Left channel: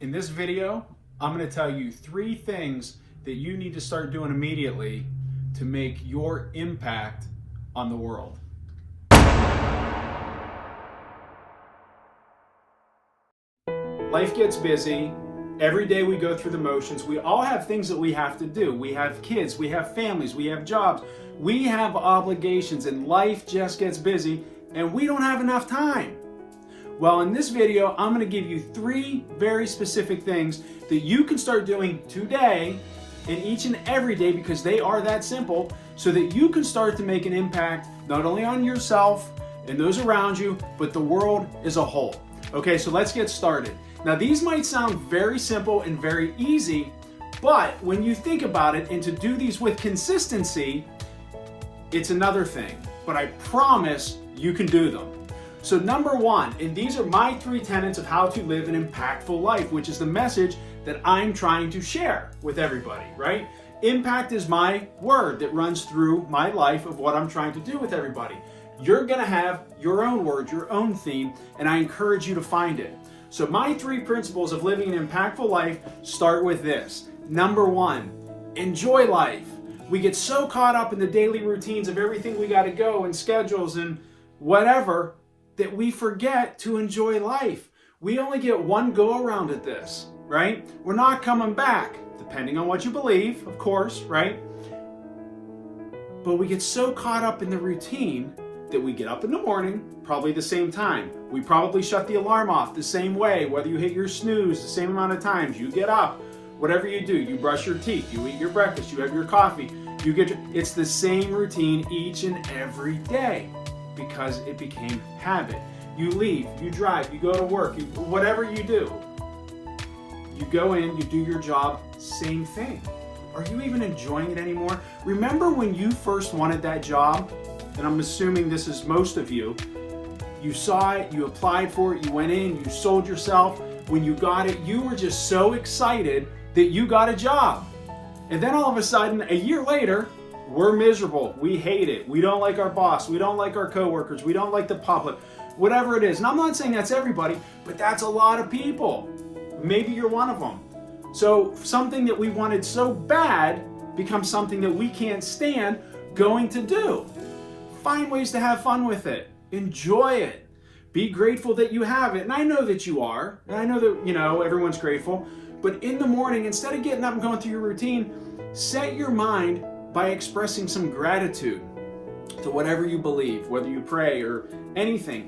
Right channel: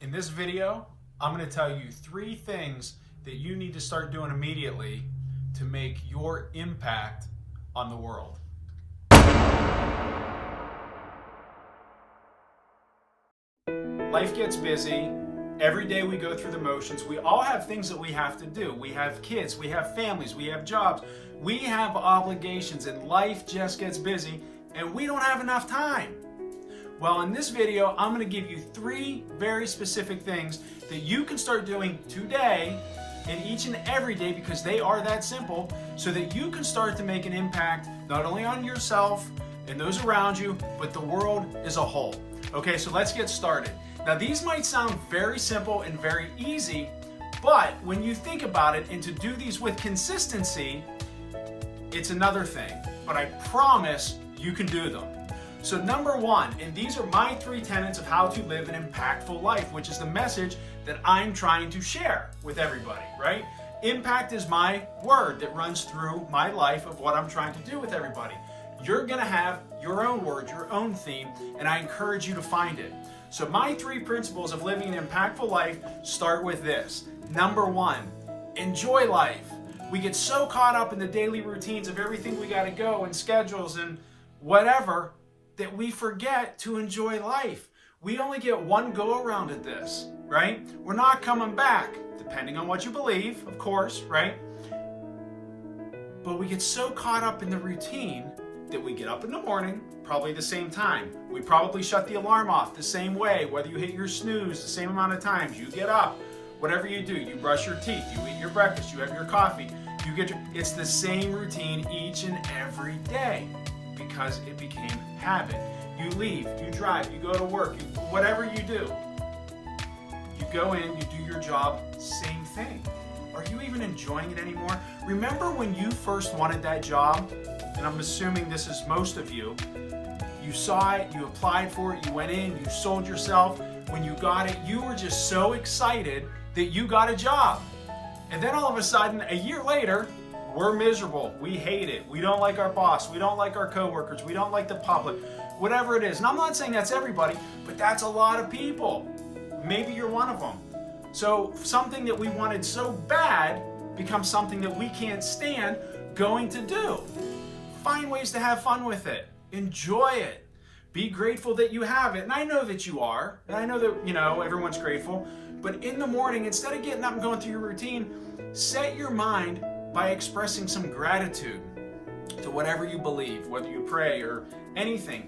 In this video, I'm going to tell you 3 things that you need to start doing immediately to make your impact on the world. Life gets busy. Every day we go through the motions. We all have things that we have to do. We have kids, we have families, we have jobs, we have obligations, and life just gets busy and we don't have enough time. Well, in this video, I'm going to give you 3 very specific things that you can start doing today and each and every day, because they are that simple, so that you can start to make an impact not only on yourself and those around you, but the world as a whole. Okay, so let's get started. Now, these might sound very simple and very easy, but when you think about it, and to do these with consistency, it's another thing. But I promise you can do them. So number 1, and these are my 3 tenets of how to live an impactful life, which is the message that I'm trying to share with everybody, right? Impact is my word that runs through my life of what I'm trying to do with everybody. You're gonna have your own word, your own theme, and I encourage you to find it. So my 3 principles of living an impactful life start with this. Number 1, enjoy life. We get so caught up in the daily routines of everything we gotta go and schedules and whatever, that we forget to enjoy life. We only get one go around at this, right? We're not coming back, depending on what you believe, of course, right? But we get so caught up in the routine that we get up in the morning, probably the same time. We probably shut the alarm off the same way, whether you hit your snooze the same amount of times, you get up, whatever you do, you brush your teeth, you eat your breakfast, you have your coffee, it's the same routine each and every day, because it became habit. You leave, you drive, you go to work, whatever you do, you go in, you do your job, same thing. Are you even enjoying it anymore? Remember when you first wanted that job? And I'm assuming this is most of you. You saw it, you applied for it, you went in, you sold yourself. When you got it, you were just so excited that you got a job. And then all of a sudden, a year later, we're miserable. We hate it. We don't like our boss. We don't like our coworkers. We don't like the public, whatever it is. And I'm not saying that's everybody, but that's a lot of people. Maybe you're one of them. So something that we wanted so bad becomes something that we can't stand going to do. Find ways to have fun with it. Enjoy it. Be grateful that you have it. And I know that you are. And I know that, everyone's grateful. But in the morning, instead of getting up and going through your routine, set your mind by expressing some gratitude to whatever you believe, whether you pray or anything.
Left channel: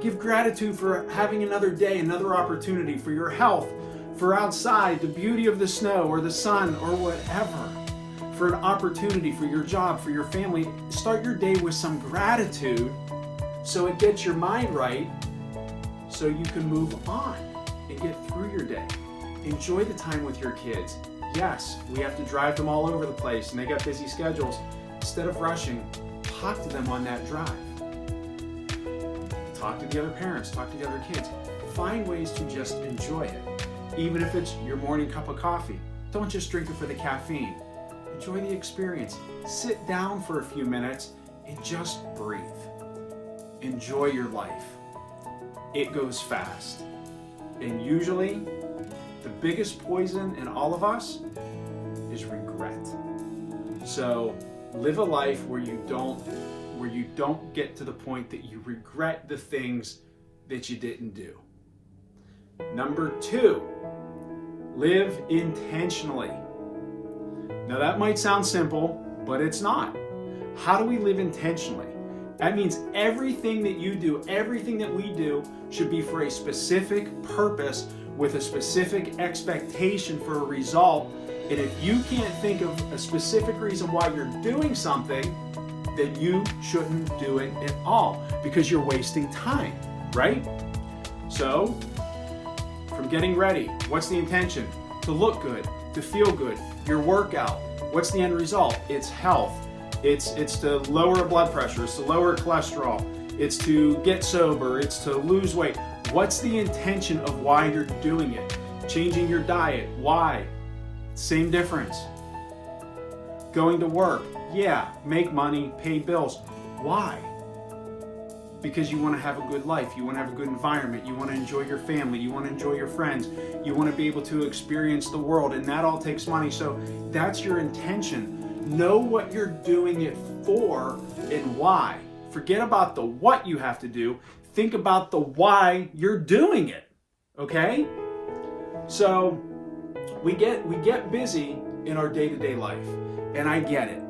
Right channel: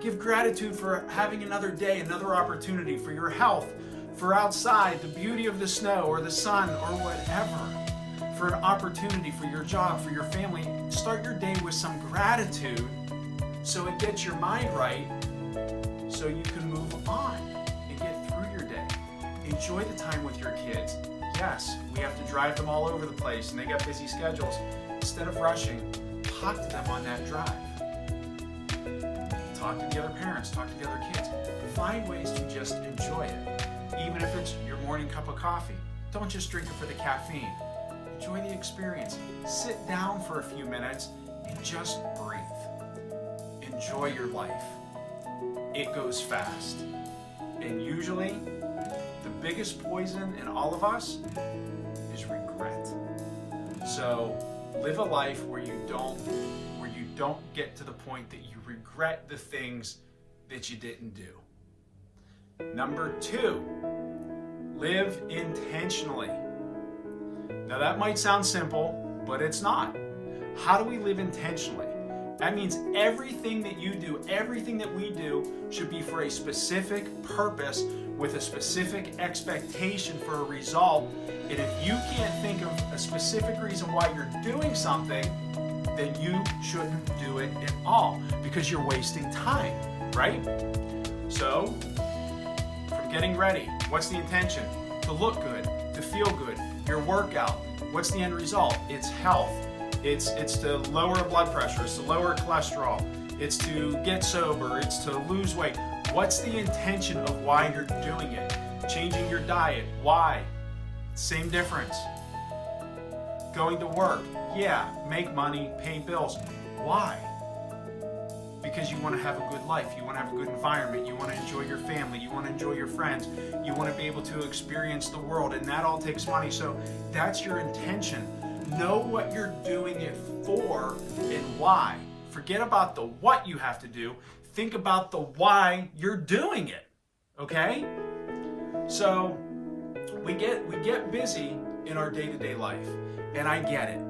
Give gratitude for having another day, another opportunity, for your health, for outside, the beauty of the snow or the sun or whatever, for an opportunity, for your job, for your family. Start your day with some gratitude so it gets your mind right, so you can move on and get through your day. Enjoy the time with your kids. Yes, we have to drive them all over the place and they got busy schedules. Instead of rushing, talk to them on that drive. Talk to the other parents, talk to the other kids. Find ways to just enjoy it. Even if it's your morning cup of coffee, don't just drink it for the caffeine. Enjoy the experience. Sit down for a few minutes and just breathe. Enjoy your life. It goes fast. And usually, the biggest poison in all of us is regret. So live a life where you don't get to the point that you regret the things that you didn't do. Number 2, live intentionally. Now that might sound simple, but it's not. How do we live intentionally? That means everything that you do, everything that we do should be for a specific purpose with a specific expectation for a result. And if you can't think of a specific reason why you're doing something, then you shouldn't do it at all, because you're wasting time, right? So, from getting ready, what's the intention? To look good, to feel good. Your workout, what's the end result? It's health. It's to lower blood pressure, it's to lower cholesterol, it's to get sober, it's to lose weight. What's the intention of why you're doing it? Changing your diet, why? Same difference. Going to work, yeah, make money, pay bills. Why? because you want to have a good life, you want to have a good environment, you want to enjoy your family, you want to enjoy your friends, you want to be able to experience the world, and that all takes money. So that's your intention. Know what you're doing it for and why. Forget about the what you have to do. Think about the why you're doing it. Okay? So we get busy in our day-to-day life, and I get it.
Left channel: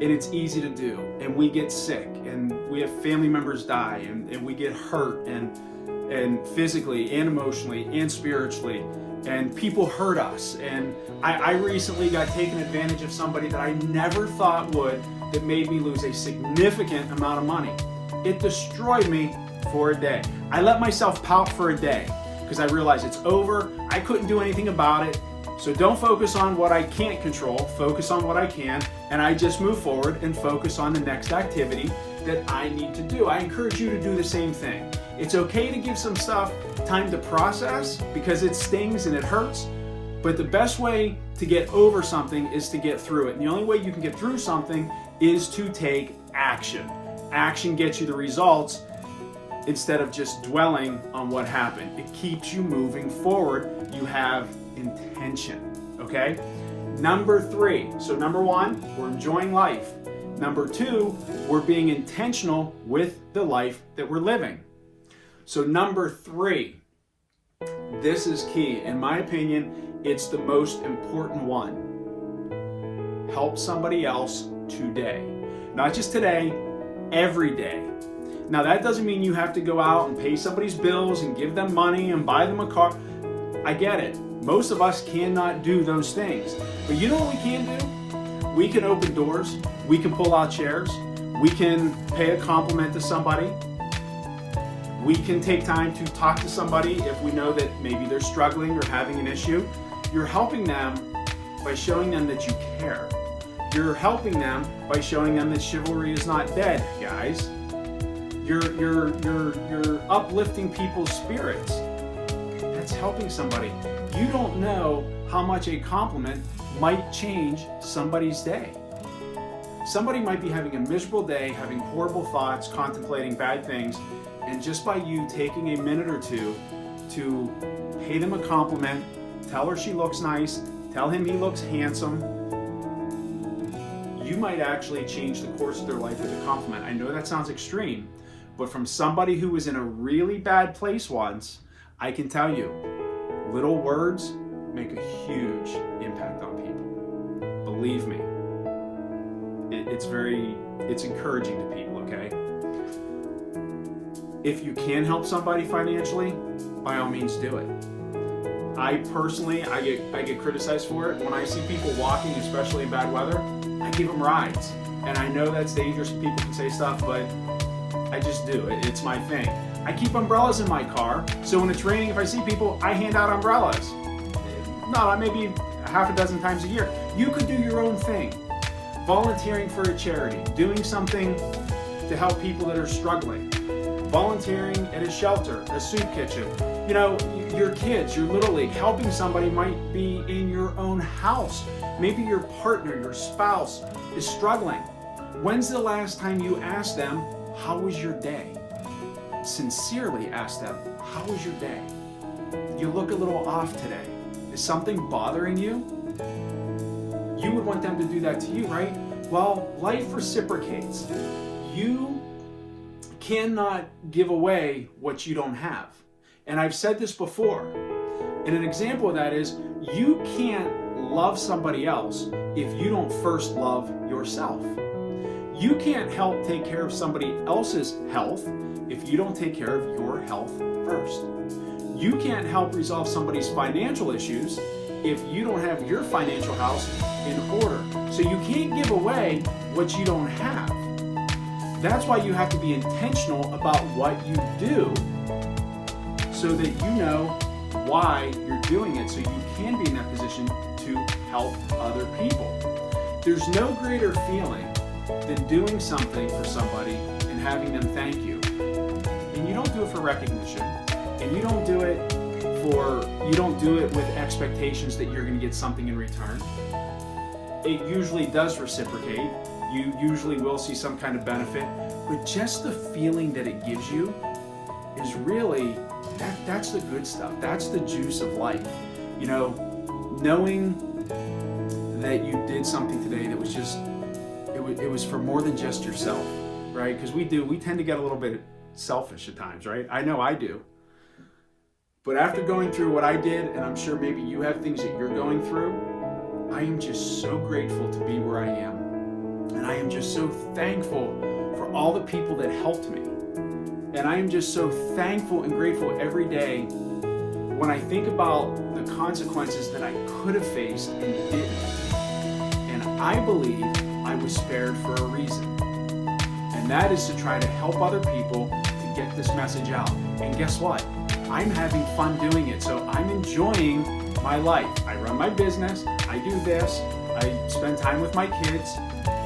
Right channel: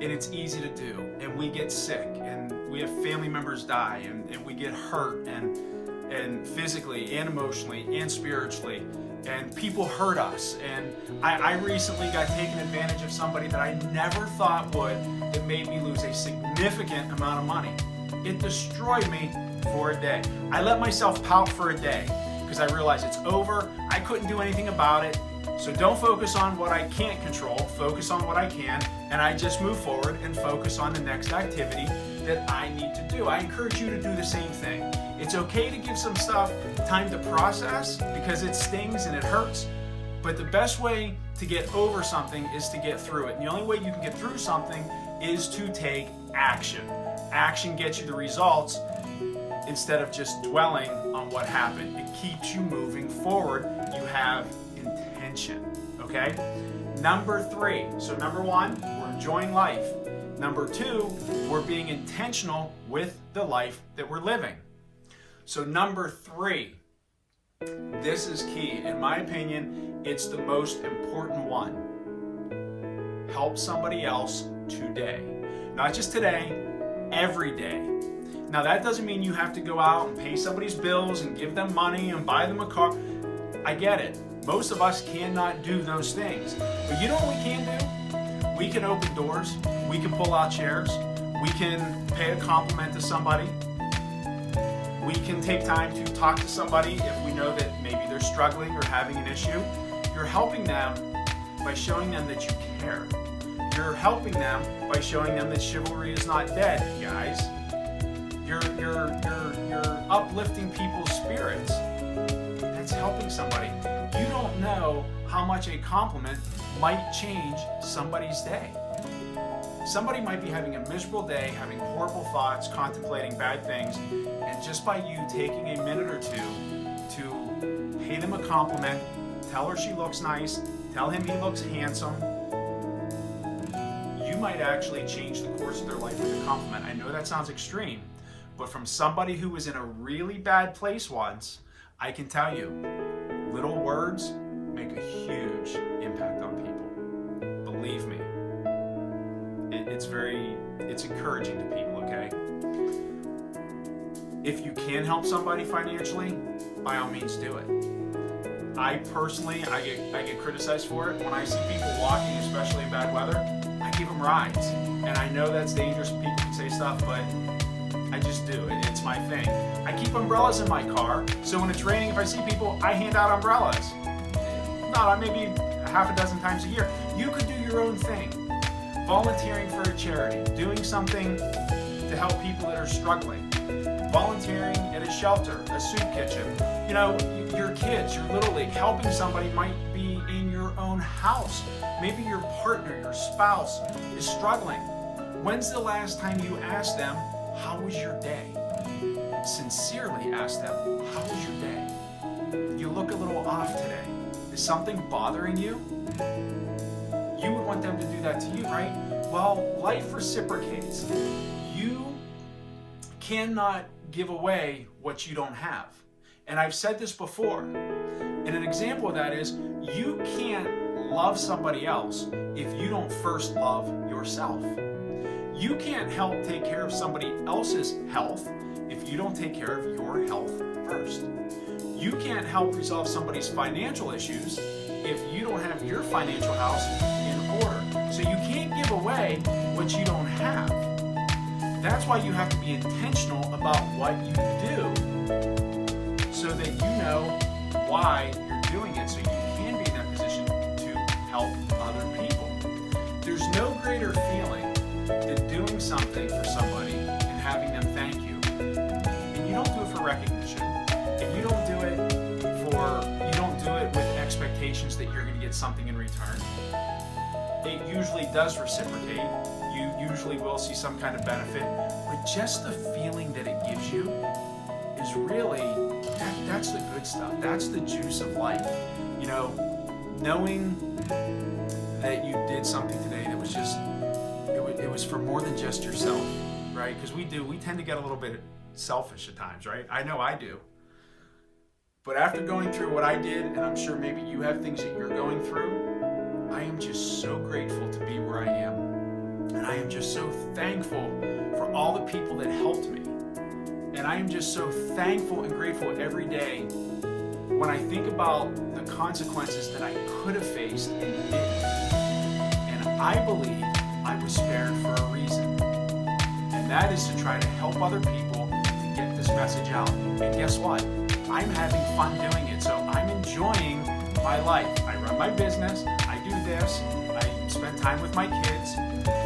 And it's easy to do, and we get sick, and we have family members die, and we get hurt, and physically and emotionally and spiritually, and people hurt us. And I recently got taken advantage of somebody that I never thought would, that made me lose a significant amount of money. It destroyed me for a day. I let myself pout for a day because I realized it's over. I couldn't do anything about it. So don't focus on what I can't control, focus on what I can, and I just move forward and focus on the next activity that I need to do. I encourage you to do the same thing. It's okay to give some stuff time to process because it stings and it hurts, but the best way to get over something is to get through it. And the only way you can get through something is to take action. Action gets you the results instead of just dwelling on what happened. It keeps you moving forward. You have intention, okay? Number 3. So number 1, we're enjoying life. Number 2, we're being intentional with the life that we're living. So number 3, this is key. In my opinion, it's the most important one. Help somebody else today. Not just today, every day. Now that doesn't mean you have to go out and pay somebody's bills and give them money and buy them a car. I get it. Most of us cannot do those things. But you know what we can do? We can open doors. We can pull out chairs. We can pay a compliment to somebody. We can take time to talk to somebody if we know that maybe they're struggling or having an issue. You're helping them by showing them that you care. You're helping them by showing them that chivalry is not dead, guys. You're uplifting people's spirits. That's helping somebody. You don't know how much a compliment might change somebody's day. Somebody might be having a miserable day, having horrible thoughts, contemplating bad things, and just by you taking a minute or two to pay them a compliment, tell her she looks nice, tell him he looks handsome, you might actually change the course of their life with a compliment. I know that sounds extreme, but from somebody who was in a really bad place once, I can tell you, little words make a huge impact on people. Believe me. It's encouraging to people, okay? If you can help somebody financially, by all means do it. I personally, I get criticized for it. When I see people walking, especially in bad weather, I give them rides. And I know that's dangerous, people can say stuff, but I just do. It's my thing. I keep umbrellas in my car, so when it's raining, if I see people, I hand out umbrellas. Not maybe half a dozen times a year. You could do your own thing. Volunteering for a charity, doing something to help people that are struggling, volunteering at a shelter, a soup kitchen, you know, your kids, your little league, helping somebody might be in your own house. Maybe your partner, your spouse is struggling. When's the last time you asked them, how was your day? Sincerely ask them, how was your day? You look a little off today. Is something bothering you? You would want them to do that to you, right? Well, life reciprocates. You cannot give away what you don't have. And I've said this before. And an example of that is you can't love somebody else if you don't first love yourself. You can't help take care of somebody else's health if you don't take care of your health first. You can't help resolve somebody's financial issues if you don't have your financial house in order. So you can't give away what you don't have. That's why you have to be intentional about what you do so that you know why you're doing it, so you can be in that position to help other people. There's no greater feeling than doing something for somebody and having them thank you. And you don't do it for recognition, and you don't do it with expectations that you're going to get something in return. It usually does reciprocate, you usually will see some kind of benefit, but just the feeling that it gives you is really, that's the good stuff. That's the juice of life. You know, knowing that you did something today that was just, it was for more than just yourself, right? Because we tend to get a little bit selfish at times, right? I know I do. But after going through what I did, and I'm sure maybe you have things that you're going through, I am just so grateful to be where I am. And I am just so thankful for all the people that helped me. And I am just so thankful and grateful every day when I think about the consequences that I could have faced and didn't. And I believe I was spared for a reason. And that is to try to help other people to get this message out. And guess what? I'm having fun doing it. So I'm enjoying my life. I run my business. I do this. I spend time with my kids.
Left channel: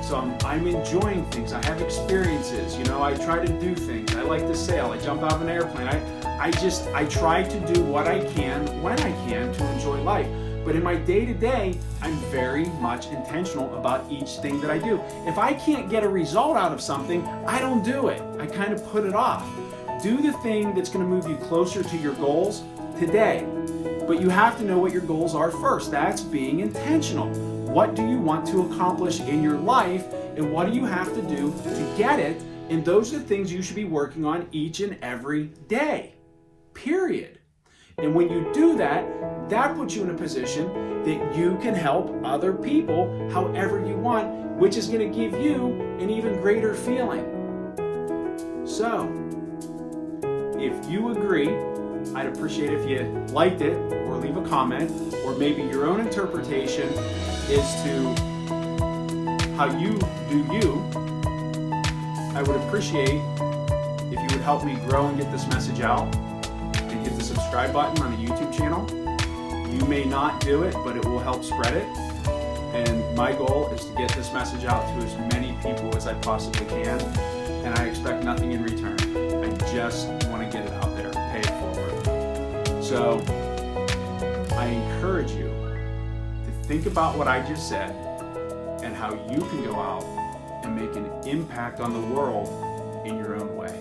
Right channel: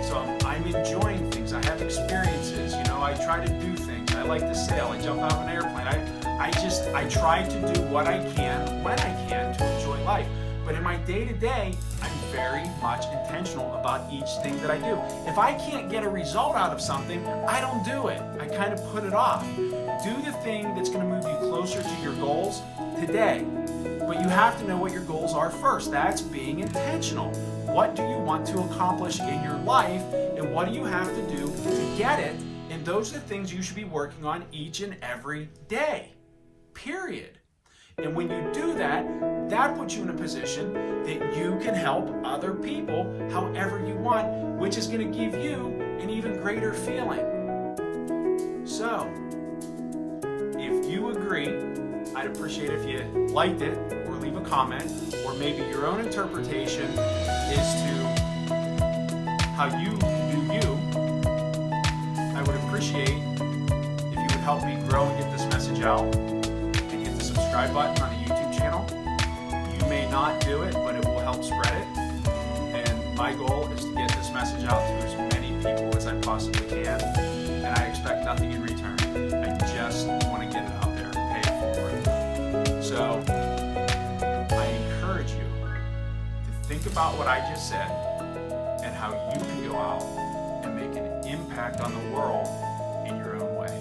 So I'm enjoying things. I have experiences. You know, I try to do things. I like to sail. I jump out of an airplane. I try to do what I can when I can to enjoy life. But in my day-to-day, I'm very much intentional about each thing that I do. If I can't get a result out of something, I don't do it. I kind of put it off. Do the thing that's going to move you closer to your goals today. But you have to know what your goals are first. That's being intentional. What do you want to accomplish in your life, and what do you have to do to get it? And those are the things you should be working on each and every day, period. And when you do that, that puts you in a position that you can help other people however you want, which is going to give you an even greater feeling. So, if you agree, I'd appreciate if you liked it or leave a comment, or maybe your own interpretation is to how you do you. I would appreciate if you would help me grow and get this message out, and hit the subscribe button on the YouTube channel. You may not do it, but it will help spread it. And my goal is to get this message out to as many people as I possibly can. And I expect nothing in return. I just want to get it out there, pay it forward. So I encourage you to think about what I just said and how you can go out and make an impact on the world in your own way.